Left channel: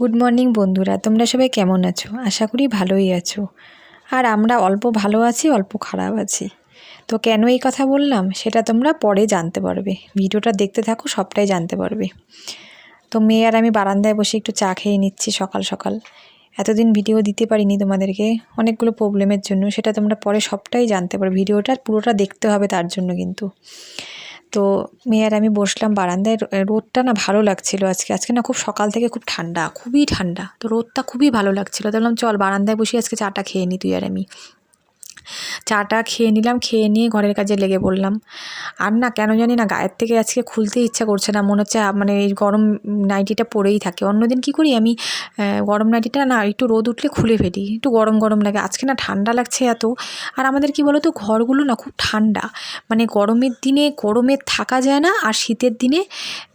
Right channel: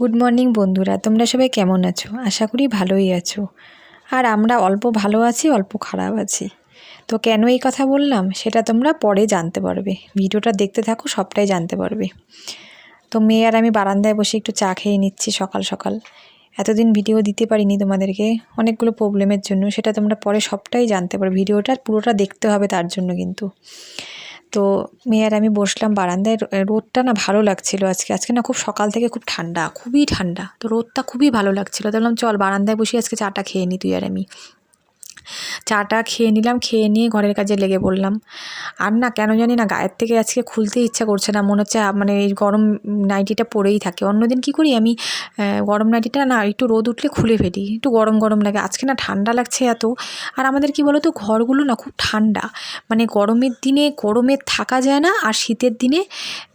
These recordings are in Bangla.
গুড মর্নিং বন্ধুরা, তোমরা সবাই কেমন আছো? আশা করি ভালোই আছো। আর আমরা অল্প ভালো আছি, অল্প খারাপ আছি। তো কেন এই কথা বললাম সেটা তোমরা পরে জানতে পারবে। ভিডিওটা দেখতে থাকো, সবটাই জানতে পারবে। তো মেয়ে আর আমি বারান্দায় বসে একটু চা খেয়ে নিচ্ছি সকাল সকাল। এতদিন ভিডিও দিতে পারিনি তোমাদেরকে অনেকগুলো প্রবলেমের জন্য, সেটা তোমরা পরে সবটাই জানতে পারবে। ভিডিওটা পুরোটা দেখতে হবে তার জন্য কিন্তু। তো মেয়ে আর আমি বসলাম বারান্দায়। রোদটা না ভালো লাগছিল আজকে না খুব সকাল থেকে খুব ঠান্ডা, খুবই ঠান্ডা। তো রোদটা খুবই ভালো লাগছিল। তো বললাম চল বারান্দায় বসে আজকে চাটা খেয়ে নিই তুই আর আমি। চাটা খেয়ে নিলাম, খেয়ে নিয়ে ঘরের কাজে লেগে পড়লাম। আর না কেন জানি না গায়ের থেকে আজকে খুলতে ইচ্ছা করছে না, মনে হচ্ছে মানে এই গরম নাইটিটা পরেই থাকে। অন্যদিন কী করি আমি, গরম নাইটিটা না একটু রোদ উঠলে খুলে ফেলি, একটু গরম গরম লাগে। আজকে না ঠান্ডা লাগছে এত। আর আমাদের কি বলো তো, ঘরগুলো না খুব ঠান্ডা, মানে গরমের দিনে গরমে থাকা যায় না, আর শীতের দিনে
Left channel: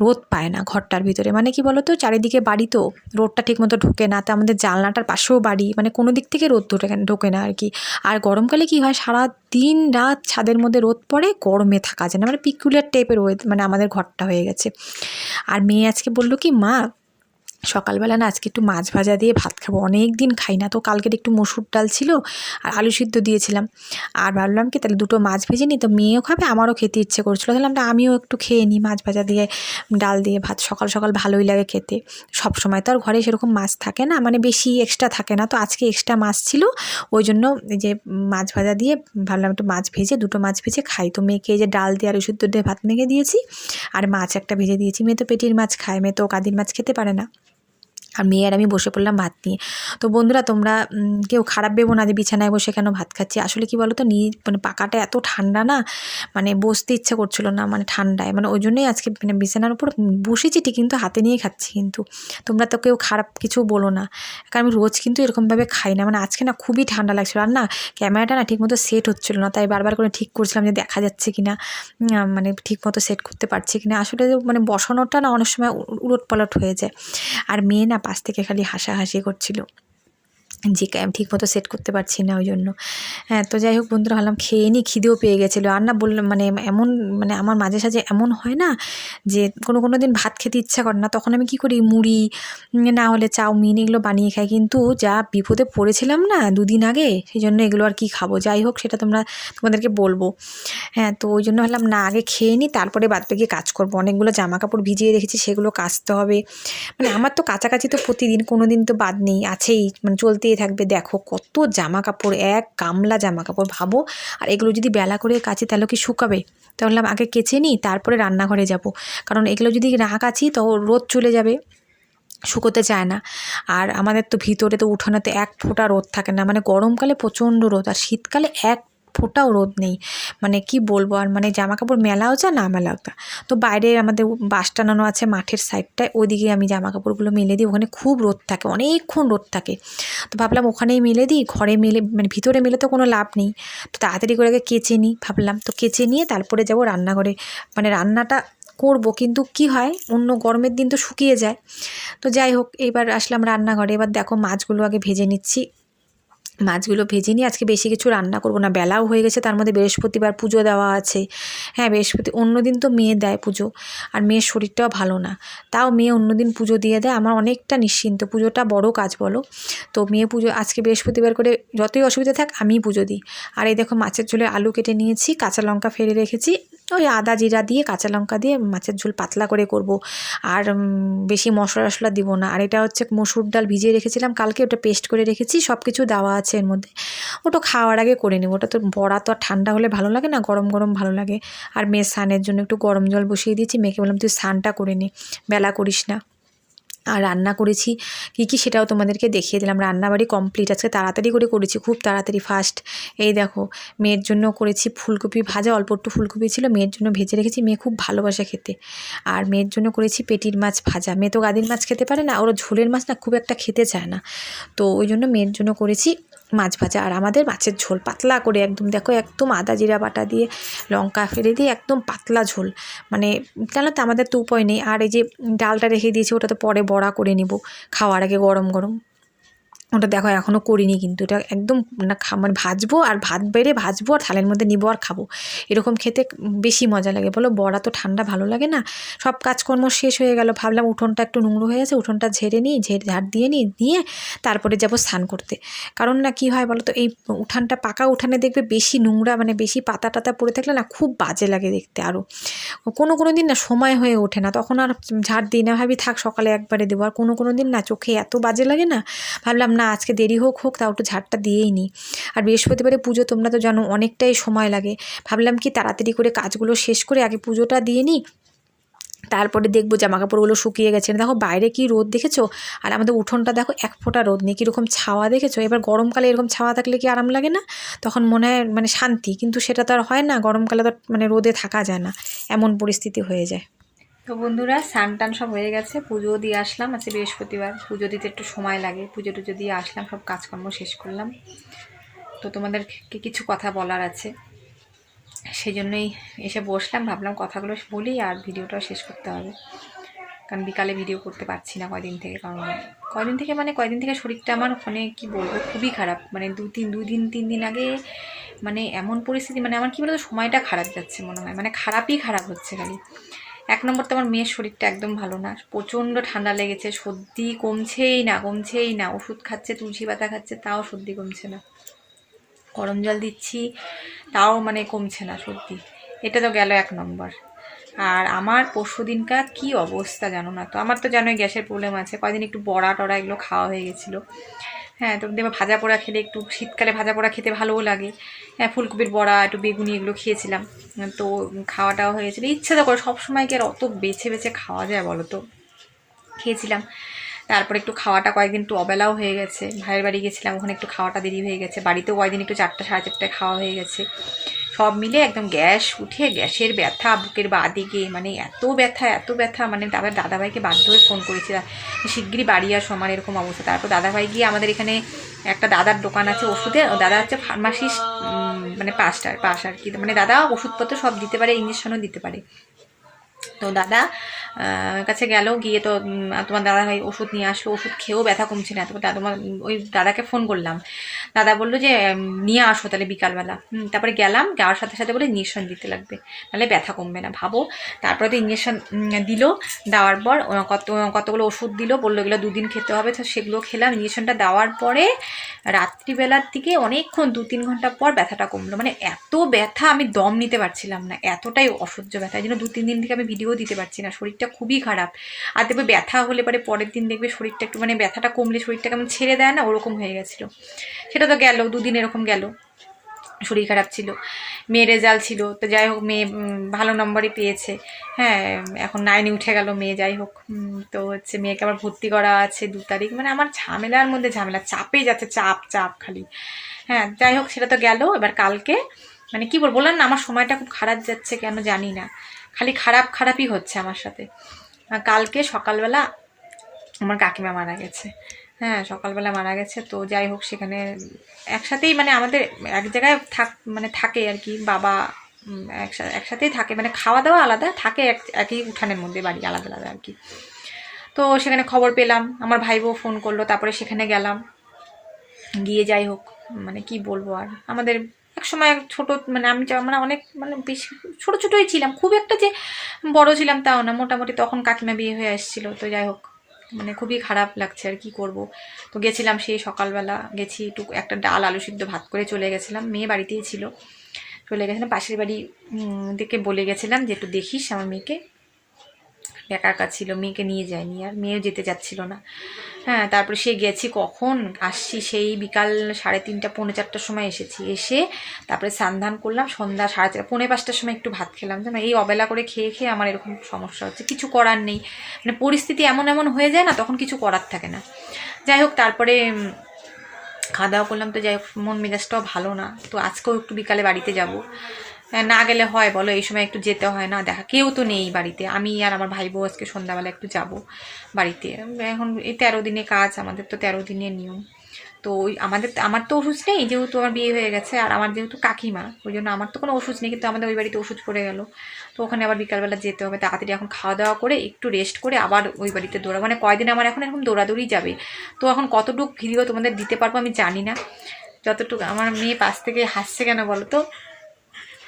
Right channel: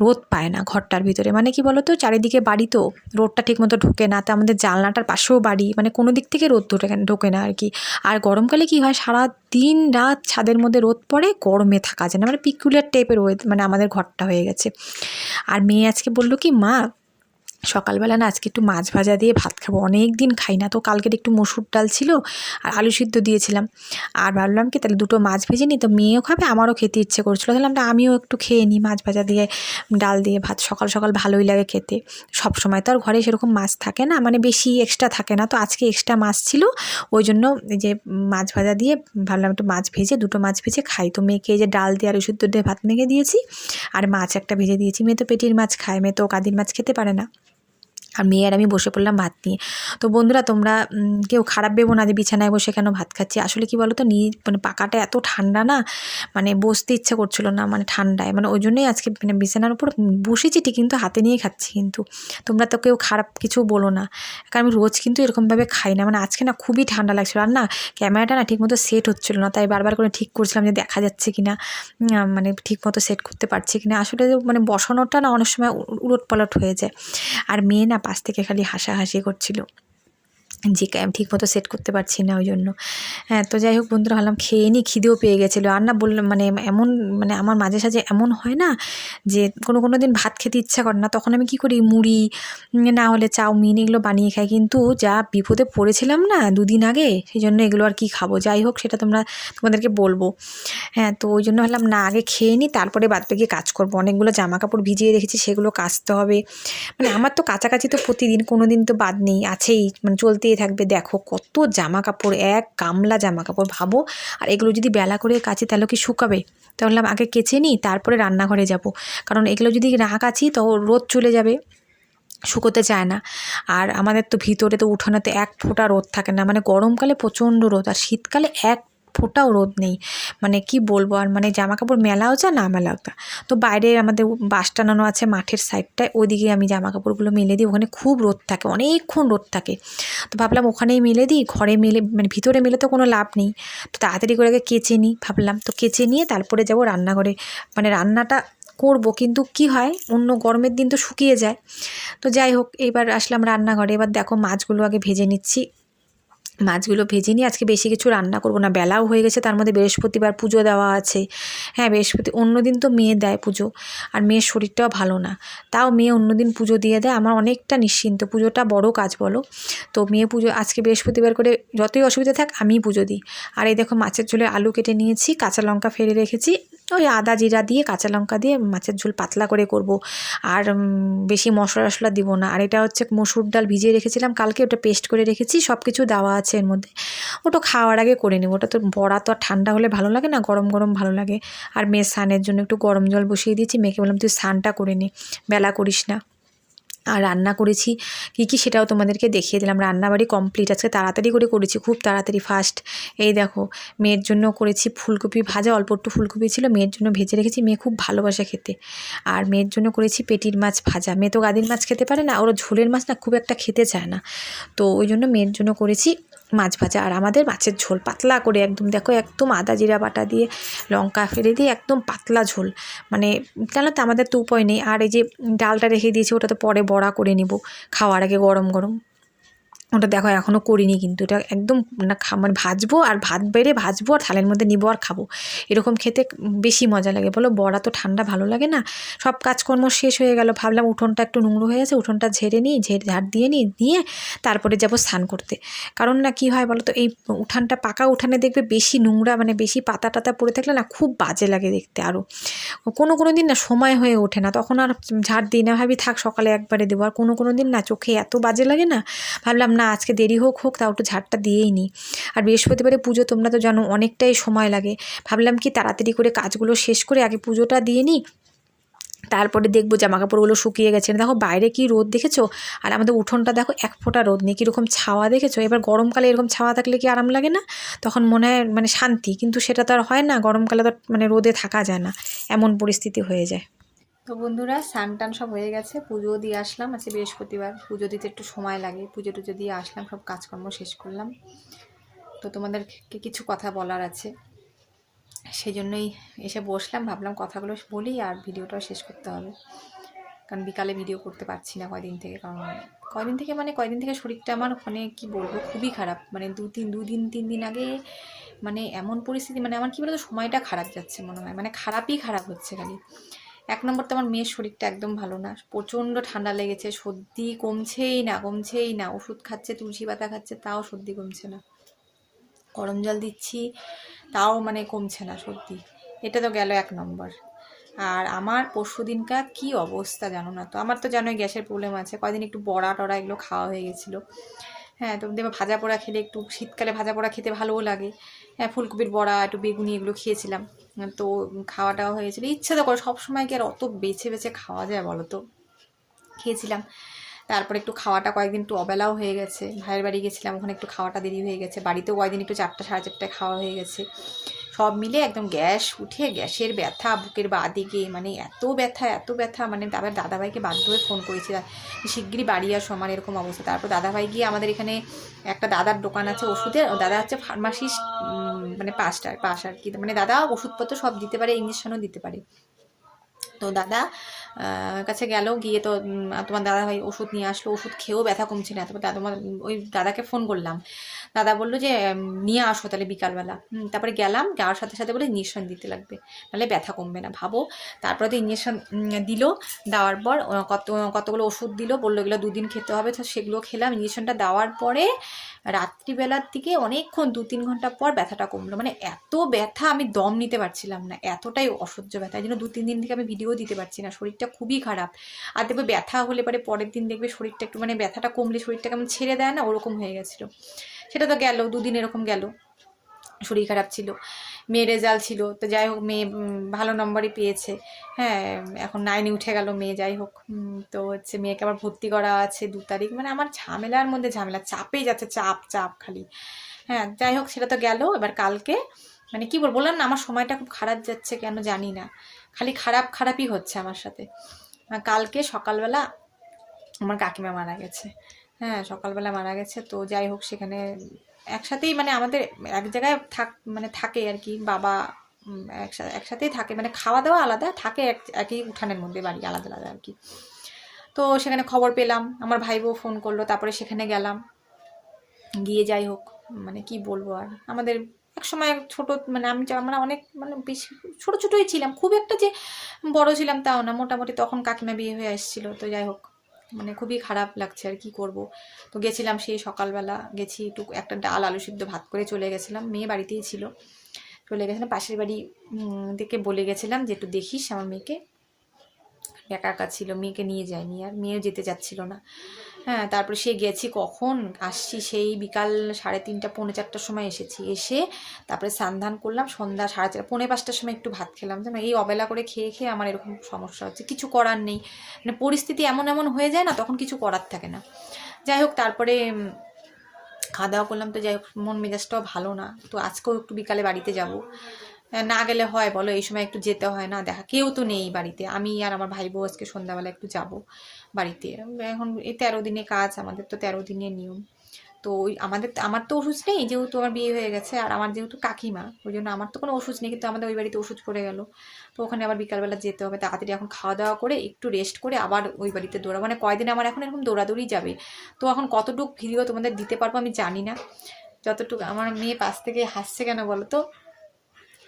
রোদ পায় না ঘরটার ভিতরে। মানে কি বলো তো, চারিদিকে বাড়ি তো রোদটা ঠিকমতো ঢোকে না। তো আমাদের জানলাটার পাশেও বাড়ি, মানে কোনো দিক থেকে রোদ ঢোকে না আর কি। আর গরমকালে কি হয়, সারা দিন রাত ছাদের মধ্যে রোদ পড়ে, গরমে থাকা যায় না, মানে পিকুলিয়ার টাইপের মানে আমাদের ঘরটা হয়ে গেছে। আর মেয়ে আজকে বললো কি, মা সকালবেলা না আজকে একটু মাছ ভাজা দিয়ে ভাত খাবো, অনেক দিন খাই না। তো কালকের একটু মসুর ডাল ছিল আর আলু সিদ্ধ দিয়েছিলাম। আর ভাবলাম কি তাহলে দুটো মাছ ভেজে নিই, তো মেয়েও খাবে, আমারও খেতে ইচ্ছে করছিলো। তাহলে আমিও একটু খেয়ে নিই মাছ ভাজা দিয়ে ডাল দিয়ে ভাত। সকাল সকাল ভালোই লাগে খেতে। সব সময় তো আর ঘরে সেরকম মাছ থাকে না, মানে বেশি এক্সট্রা থাকে না। তো আজকে এক্সট্রা মাছ ছিল, ওই জন্য এই যে মাছ ভাজা দিয়ে ভাবলাম একটু মাছ ভেজে, দুটো মাছ ভেজে খাই। তো মেয়েকে এই যে ডাল দিয়ে আলু সিদ্ধ দিয়ে ভাত মেখে দিয়েছি, আর মাছ একটা ভেজে দিয়েছি। মেয়ে তো পেটির মাছ খায়, মেয়ে তো কাদির মাছ খেতে পারে না। আর মেয়ে আর আমি বসে পড়লাম ভাত নিয়ে। তো বন্ধুরা, তোমরা কেউ খারাপ ভেবো না যে বিছানায় বসে কেন ভাত খাচ্ছি। আসলে কি বলো তো, মানে পাকাটা এত ঠান্ডা না, মানে বসতে ইচ্ছা করছিল না, মানে ঠান্ডায়, মানে ওই জন্যই আজকে মানে বিছানার উপর বসেছি ঠিক, কিন্তু হাতে নিয়ে খাচ্ছি। কিন্তু তোমরা তো কেউ খারাপ কিছু বলো না, কারণ আমি রোজ কিন্তু এরকমভাবে খাই না। মানে আজকে না খুবই ঠান্ডা লাগছিলো। আর না ক্যামেরাটা না ঠিকমতো সেট হচ্ছিলো না, তাই বারবার করে ঠিক করছিলাম যে দেখা যাচ্ছে কি না, মানে ঠিকমতো সেট করতে পারছি কি না। আসলে মানে বসানোটা না অনেক সময় উলটপালট হয়ে যায়। আর মেয়ে না পাশ থেকে খালি হাসাহাসি করছিল যে ঠিকমতো সেট করতে পারছি না, ওই জন্য। হ্যাঁ, তো যাই হোক বন্ধুরা, ভাবলাম খেয়ে নিই, খিদেও পেয়ে গেছিলো। আর না বললাম মানে এমন, মানে আমার মাঝে সাঝে এমন হয় না যে কোনো দিন ভাত খেতে ইচ্ছা করে না, তখন আমি কী করি, মুড়ি না হলে চাউমিন এগুলো বানিয়ে খাই। কিন্তু যা বিপদে পড়েছিলাম না দুদিন আগে, সেই জন্য এগুলো আর কি খাবো। যাই হোক, সেটা তোমাদেরকে বলবো। হ্যাঁ, তো ওই জন্য ভাবলাম না, আগে খেয়ে নিই, তারপরে বাদ বাকি কাজ করবো। অনেকগুলো জামা কাপড় ভিজিয়ে রেখেছি, সেগুলো কাচতে হবে। মানে আমার তো কাছাকাছি তো প্রতিদিন, কোনো দিন তো বাদ নেই, আছেই, মানে চলতেই থাকবে। দেখো কত জামা কাপড়, এক গামলা জামা কাপড় ভাবো। আর এগুলো যদি বেলা করে কাচি তাহলে কি শুকাবে? তাহলে আগে কেচে নিই, তারপরে রান্নাঘরে যাব। কারণ এগুলো যদি না কাচি তো রোদ চলে যাবে, শুকোতে চায় না। আর আমাদের তো ভিতরে তো উঠোনেতে এক ফোঁটা রোদ থাকে না, মানে গরমকালে প্রচণ্ড রোদ, আর শীতকালে এক ফোঁটাও রোদ নেই। মানে কি বলবো, আর মানে জামা কাপড় মেলাও যা না মেলাও তা। তো বাইরে আমাদের বাস টানানো আছে মাঠের সাইডটায়, ওইদিকে আমি জামা কাপড়গুলো মেলে দিই। ওখানে খুব রোদ থাকে, অনেকক্ষণ রোদ থাকে। তো ভাবলাম ওখানেই মেলে দিই, ঘরে মেলে মানে ভিতরে মেলে তো কোনো লাভ নেই। তো তাড়াতাড়ি করে আগে কেচে নিই ভাবলাম। তো কেচে নিয়ে তারপরে যাব রান্নাঘরে, মানে রান্নাটা করব। কিন্তু কি হয়, অন্য গরমের দিন তো শুকিয়ে যায়। তো যাই হোক, এইবার আসলাম রান্নাঘরে। এবার দেখো মাছগুলো আগে ভেজে নিচ্ছি। মাছগুলো ভেজে নিয়ে আজকে বেশি কিছু রান্না করব না, বেলাও হয়ে গেছে। তার মধ্যে বৃহস্পতিবার পুজো দেওয়া আছে। হ্যাঁ, অন্য দিন তো মেয়ে দেয় পুজো, আর মেয়ের শরীরটাও ভালো না, তাও মেয়ে অন্য দিন পুজো দিয়ে দেয়। আমার অনেকটা নিশ্চিন্ত, পুজোটা বড় কাজ বলো। তো মেয়ে পুজো আজকে বৃহস্পতিবার করে, যতই অসুবিধা থাক আমিই পুজো দিই। আর এই দেখো মাছের ঝোলে আলু কেটে নিয়েছি, কাঁচা লঙ্কা ফেলে রেখেছি। ওই আদা জিরা দিয়ে কাঁচা লঙ্কা দিয়ে মাছের ঝোল পাতলা করে করব। আর বেশি মশলা টশলা দিব না। আর এটা হচ্ছে মসুর ডাল ভিজিয়ে রেখেছিলাম কালকে, ওটা পেস্ট করে রেখেছি, সব কিছু দেওয়া আছে এর মধ্যে। ওটা খাওয়ার আগে করে নেব। ওটা তো বড়া তো আর ঠান্ডা হলে ভালো লাগে না, গরম গরম ভালো লাগে। আর মেয়ের স্নানের জন্য একটু গরম জল বসিয়ে দিয়েছি। মেয়েকে বললাম তুই স্নানটা করে নে, বেলা করিস না। আর রান্না করেছি কী সেটাও তোমাদেরকে দেখিয়ে দিলাম। রান্নাবাড়ি কমপ্লিট, আজকে তাড়াতাড়ি করে করেছি, খুব তাড়াতাড়ি ফাস্ট। এই দেখো মেয়ের জন্য করেছি ফুলকপি ভাজা, অল্প একটু ফুলকপি ছিল, মেয়ের জন্য ভেজে রেখেছি, মেয়ে খুব ভালোবাসে খেতে। আর মেয়ের জন্য করেছি পেটির মাছ ভাজা। মেয়ে তো গাদির মাছ খেতে পারে না, ওর ঝোলের মাছ না খুব একটা খেতে চায় না। তো ওই জন্য মেয়ের জন্য করেছি মাছ ভাজা। আর আমাদের মাছের ঝোল পাতলা করে একদম, দেখো একদম আদা জিরা বাটা দিয়ে লঙ্কা ফেলে দিয়ে একদম পাতলা ঝোল। মানে কেন তো আমাদের তো উপায় নেই। আর এই যে ডালটা রেখে দিয়েছি, ওটা তো পরে বড়া করে নিব খাওয়ার আগে গরম গরম। ওটা দেখো এখনও করিনি, কিন্তু এটা একদম না মানে ভাজবো আর ভাত বেড়ে ভাজবো আর থালের মধ্যে নিবো আর খাবো, এরকম খেতে বেশি মজা লাগে। বলো বড়া তো ঠান্ডা ভালো লাগে না। সব কাজকর্ম শেষ হয়ে গেল, ভাবলাম উঠোনটা একটু নোংরা হয়ে গেছে, উঠোনটা ঝেড়ে নিই, ঝাড় দিয়ে নিই, নিয়ে তারপরে যাবো স্নান করতে। কারণ না কী হয় বলো তো, এই উঠানটা পাকা উঠানে দেখবে বেশি নোংরা মানে বেশি পাতা টাতা পড়ে থাকলে না খুব বাজে লাগে দেখতে। আরও কোনো দিন না সময় হয়ে ওঠে না, তখন আর ঝাড় দিই না, ভাবি থাক সকালে একবারে দেবো। আর কোনো দিন না চোখে এত বাজে লাগে না, ভাবলাম না আজকে দেরি হোক তাও একটু ঝাড়টা দিয়েই নিই। আর বৃহস্পতিবারে পুজো তোমরা তো জানো অনেকটাই সময় লাগে, ভাবলাম কি তাড়াতাড়ি করে কাজগুলো শেষ করে আগে পুজোটা দিয়ে নিই, তারপরে দেখবো জামাকাপড়গুলো শুকিয়ে গেছে। দেখো বাইরে কি রোদ দেখেছো, আর আমাদের উঠোনটা দেখো এক ফোঁটা রোদ নেই, কীরকম ছাওয়া দেখেছো। এবার গরমকালে এরকম ছাওয়া থাকলে কি আরাম লাগে না, তখন মনে হয় মানে শান্তি, কিন্তু সেটা তো আর হয় না, গরমকালে তো মানে রোদে থাকা যায় না, এমন পরিস্থিতি হয়ে যায়। তো বন্ধুরা স্নান টান সব হয়ে গেছে, পুজো দিয়ে আসলাম, আজকে বৃহস্পতিবার, পুজো দিতে একটু সময় লাগে, পুজো টুজো দিয়ে আসলাম, সব কাজকর্ম শেষ করলাম। তো তোমাদেরকে কিছু কথা বলার আছে, সেই জন্যই এসে বসলাম, ভাবলাম কথাগুলো বলি আর ভিডিওটাও শেষ করতে হবে, কারণ বিকালে ভিডিও করতে পারছি না কয়দিন থেকে। কারণ কয়দিন থেকে শরীরটা আমার ওখানে কি বলবো খুবই খারাপ, মানে 3 দিন আগে মানে এমন পরিস্থিতি, মানে আমার কি বলতো সময়টা খারাপ যাচ্ছে মনে হয়, মানে খারাপই খারাপ হচ্ছে খালি। এক নম্বর তো আমার মেয়ের শরীরটা একদম ভালো না, প্রচণ্ড ঠান্ডা লেগেছে, সর্দি কমছেই না, ওষুধ খাচ্ছে, তুলসী পাতা খাচ্ছে, তাও সর্দি কমছে না, গরম জল দিচ্ছি তাও মানে কমছে না সর্দি। এটা তো গেল 1 নম্বর। আর আমার পরশু দিনকার কী অবস্থা জানো না, তো আমার তো জানোই গ্যাসের প্রবলেম আছে, কয়দিন একটু বড়া টড়া এগুলো খাওয়া হয়ে গেছিলো। হ্যাঁ, তো দেখবে ভাজা পোড়া খেলে একটু শীতকালে ভাজা পোড়া খেতে ভালোও লাগে। হ্যাঁ, ফুলকপির বড়া একটু বেগুনি এগুলো খেয়েছিলাম, তো খাওয়াটাও হয়েছিল। ইচ্ছে তো করে সবসময় কি আর অত বেছে খাওয়া যায় বলো তো, খেয়েছিলাম। তারপরে একটু খাওয়াটা কয়েকদিন একটু অবেলাও হয়ে গেছে, ভাইয়ের বাড়ি গেছিলাম, ওখানে একটু খাওয়াটা দেরি হয়ে গেছে, বাড়িতেও কয়েকদিন একটু 4টা সাড়ে 4টায় খাওয়া হয়ে গেছে, সব মিলে একদম গ্যাস উঠে গ্যাসের ব্যথা বুকের বাঁদিকে, মানে এত ব্যথা, মানে তারপর দাদাভাইকে বাধ্য হয়ে ফোন করেছিলাম শিগগিরই বাড়ি আর সমান এরকম অবস্থা। তারপর দাদাভাই গিয়ে আমাদের এখানে একটা দাদার দোকান আছে ওষুধের, দাদা হচ্ছে ফার্মাসিস্ট, মানে পাশ আর কি, মানে দাদা ওষুধপত্র সব দিতে পারে, ইঞ্জেকশনও দিতে পারে। তো দাদা কাছে গেল, গিয়ে তো তোমার দাদা ভাই ওষুধ নিয়ে আসলো, ওষুধ খেয়েও ব্যথা কমছে না। তারপর তোমার ওই দাদাকে ফোন করলাম, দাদা বললো যে নিয়ে আসো তাহলে বিকালবেলা। তারপরে গেলাম, যাওয়ার সাথে সাথে বলে ইঞ্জেকশন দিতে লাগবে, নাহলে ব্যথা কমবে না। ভাবো, তারপরে তো ইঞ্জেকশন দিল, দেওয়ার পর কতগুলো ওষুধ দিল, বললো এগুলো 2 দিন খেতে হবে, তো সেগুলো খেলাম। ইঞ্জেকশনটা দেওয়ার পরে রাত্রিবেলার দিকে অনেকক্ষণ 2-3 ঘন্টা পর ব্যথাটা কমলো, মানে এত ব্যথা আমি দম নিতে পারছিলাম না, এতটাই অসহ্য ব্যথা, এই জন্য 2-3 দিন থেকে আমি ভিডিও দিতে পারছি না, শরীরটা খুবই খারাপ। আর দেখবে ব্যথা হলে পরে পরের দিন দেখবে শরীরটা একটু মানে ব্যথাটা কমলে শরীরটা কেমন ছেড়ে দেয় না, ওরকম হয়ে গেছিলো। সেটা তো গেল 2 দিন এরকম গেল, শরীর খারাপ ছিল। মেয়ের রেজাল্ট ছিল, তো যাই হোক মেয়ে ভালো নম্বরই পেয়েছে। হ্যাঁ, এখন 9-এ উঠে গেল মেয়ে, যাই হোক। তো হচ্ছে মেয়েকে আবার ভর্তি করা আছে 2 তারিখ, মানে আমার ঝামেলার মধ্যে ঝামেলা, চাপে যাচ্ছে, চাপ খালি। হ্যাঁ, যাই হোক সেটা তো গেল। এবার কালকে মানে কী বললাম না, আমার সময়টা খুব খারাপ যাচ্ছে কেন জানি না, খালি খারাপই হচ্ছে আমার সাথে। কালকে সকালবেলা আমার কাকিমা মারা গেছে। হ্যাঁ, সকালবেলা মারা গেছে। তো যাই হোক সেখানে একসাথেই মানে আমাদের এক জায়গায় থাকে আর কি, বাবা একসাথেই থাকে, মানে খাওয়া দাওয়া আলাদা, থাকে একই উঠানের মধ্যে, বাড়ি আলাদা আর কি। তো সেখানে খবর পেলাম, আমার ভাই বউ ফোন করলো, তারপরে সেখানে গেলাম, গিয়ে যাই হোক মানে কি বলবো আর, আমাদের এক সময় ছোট মানে আমরা অনেক মানে বেশি ছোটোই ছিলাম, খুব একটা যে বড় ছিলাম তাও না, মোটামুটি তখন কাকিমা বিয়ে হয়ে এসেছিলো। তো যাই হোক মানে খুবই খারাপ লাগছে আর কি করব। তো গেছিলাম সেই সকালবেলা, গেছি একটু একটা ডাল আলু সিদ্ধ ভাত করে চলে গেছিলাম, মেয়ে বাড়িতেই ছিল, চলে গেছিলাম পাশের বাড়ি থেকে বলে গেছিলাম যে একটু দেখিস আমার মেয়েকে, একা ছিল, মেয়েকে নিয়ে যায়নি, আর মেয়েও যেতে চাচ্ছিল না। হ্যাঁ, তারপরে সে গেছি, কখন আসছি সেই বিকাল 3:30 পৌনে 4টার সময় এসেছি, এসে তারপরে স্নান করলাম, সন্ধ্যা 4:30 পৌনে 5টার সময় একটু ভাত খেলাম। জানো এই অবেলা করে খেয়ে আমার এরকম সমস্যা হচ্ছে, কিছু করার নেই, মানে পরিস্থিতি এমন হয়ে যায় না, তখন কিছু করার থাকে না। যাই হোক তারপরে খাওয়া দাওয়া করলাম, তো যাই হোক মন মেজাজটাও ভালো না, তো আজকেও একটু বিকালে বাড়িতে যাব, না গেলে হয় বলো, এই সময় একটু যেতে হয় না, দেখা কেউ তো নেই বাড়িতে, আমি আর আমার ভাই বউ আজকে সন্ধ্যাবেলা একটু যাব বাড়িতে। এখন এই 13 দিনে কাজ, আমাদের তো 13 দিনের নিয়ম, তো ওই আমার তো ওষুধ নেই, যেহেতু আমার বিয়ে হয়ে গেছে, আর আমার যেহেতু কাকিমা, ওই জন্য আমার তো কোনো ওষুধ নেই, কিন্তু আমাদের ওই বাড়িতে ওষুধ পড়ে গেল। তো ওখানে আবার বিকালবেলা যেতে হবে তাড়াতাড়ি, এখন খাওয়া দাওয়া করে একটু রেস্ট করে আবার ওই বাড়িতে দৌড়া, মানে কয়দিন আমার এখন এরকম দৌড়াদৌড়ি যাবে। তো এখন কতটুকু ভিডিও তোমাদের দিতে পারবো আমি জানি না, যতটুকু। আমার মেয়ে পাশ থেকে হাসছে কেন বলো তো?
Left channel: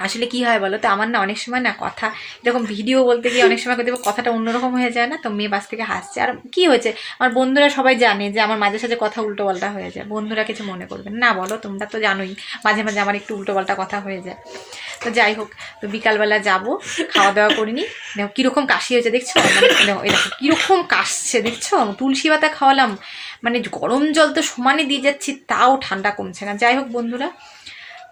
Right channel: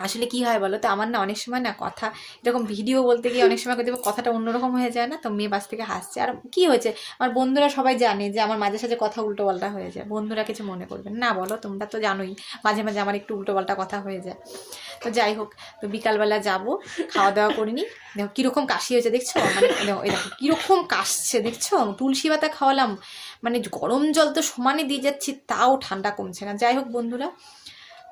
আসলে কি হয় বলো তো, আমার না অনেক সময় না কথা এরকম ভিডিও বলতে গিয়ে অনেক সময় দেখবো কথাটা অন্যরকম হয়ে যায় না, তো মেয়ে বাস থেকে হাসছে। আর কি হয়েছে, আমার বন্ধুরা সবাই জানে যে আমার মাঝে সাঝে কথা উল্টো পাল্টা হয়ে যায়, বন্ধুরা কিছু মনে করবেন না বলো, তোমরা তো জানোই মাঝে মাঝে আমার একটু উল্টো পাল্টা কথা হয়ে যায়। তো যাই হোক, তো বিকালবেলা যাবো, খাওয়া দাওয়া করিনি। দেখো কীরকম কাশি হয়েছে দেখছো, মানে দেখো কীরকম কাশছে দেখছো, তুলসী পাতা খাওয়ালাম, মানে গরম জল তো সমানে দিয়ে যাচ্ছি, তাও ঠান্ডা কমছে না। যাই হোক বন্ধুরা,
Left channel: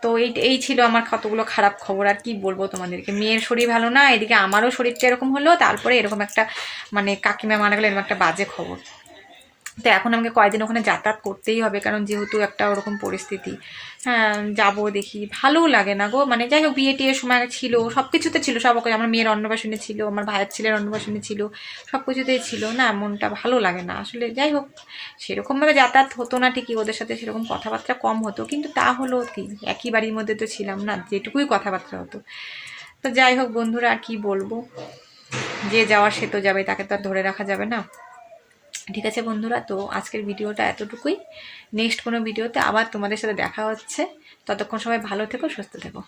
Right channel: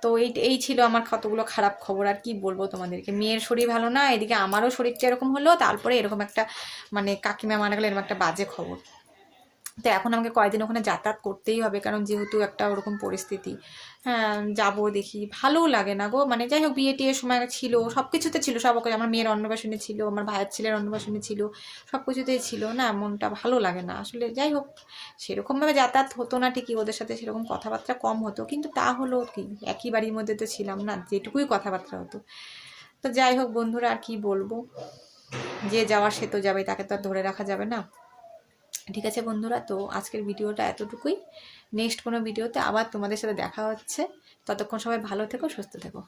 তো এই ছিল আমার কতগুলো খারাপ খবর, আর কি বলবো তোমাদেরকে। মেয়ের শরীর ভালো না, এদিকে আমারও শরীরটা এরকম হলো, তারপরে এরকম একটা মানে কাকিমা মারা গেলে এরকম একটা বাজে খবর। তো এখন আমাকে কয়েকদিন ওখানে যাতায়াত করতেই হবে, কারণ যেহেতু একটা ওরকম পরিস্থিতি। হ্যাঁ যাবো, দেখি, ভালোও লাগে না গো। মানে যাই হোক, বিয়ে টিয়ের সময় ছিল, সব কিছুতে ছিল, সব আমার মেয়ের অন্নপ্রাশনে ছিল, আমার ভাইয়ের ছেলের অন্নপ্রাশনে ছিল, সব কিছুতেই ছিল না, মনটা ভালো লাগে না আসলে। যাই হোক, সেরকমভাবে যাতায়াত হতো না ঠিকই, ওদের সাথে সেরকম কথাবার্তা কম হতো, কিন্তু তা হলো কি, একই বাড়ির মধ্যে তো ছিলাম না, যেটুকুই কথাবার্তা হতো। তো যাই হোক বন্ধুরা, আর কি বলবো, যে যাওয়ার সে তো যাবে, তাকে তো আর ধরে রাখা যাবে না। ঠিক আছে বন্ধুরা, তো আজকের ভিডিওটা এতটুকুই। নেক্সট কোনো ভিডিওতে আবার তোমাদের সাথে দেখা হচ্ছে, ততক্ষণ সবাই ভালো থেকো, সুস্থ থেকো।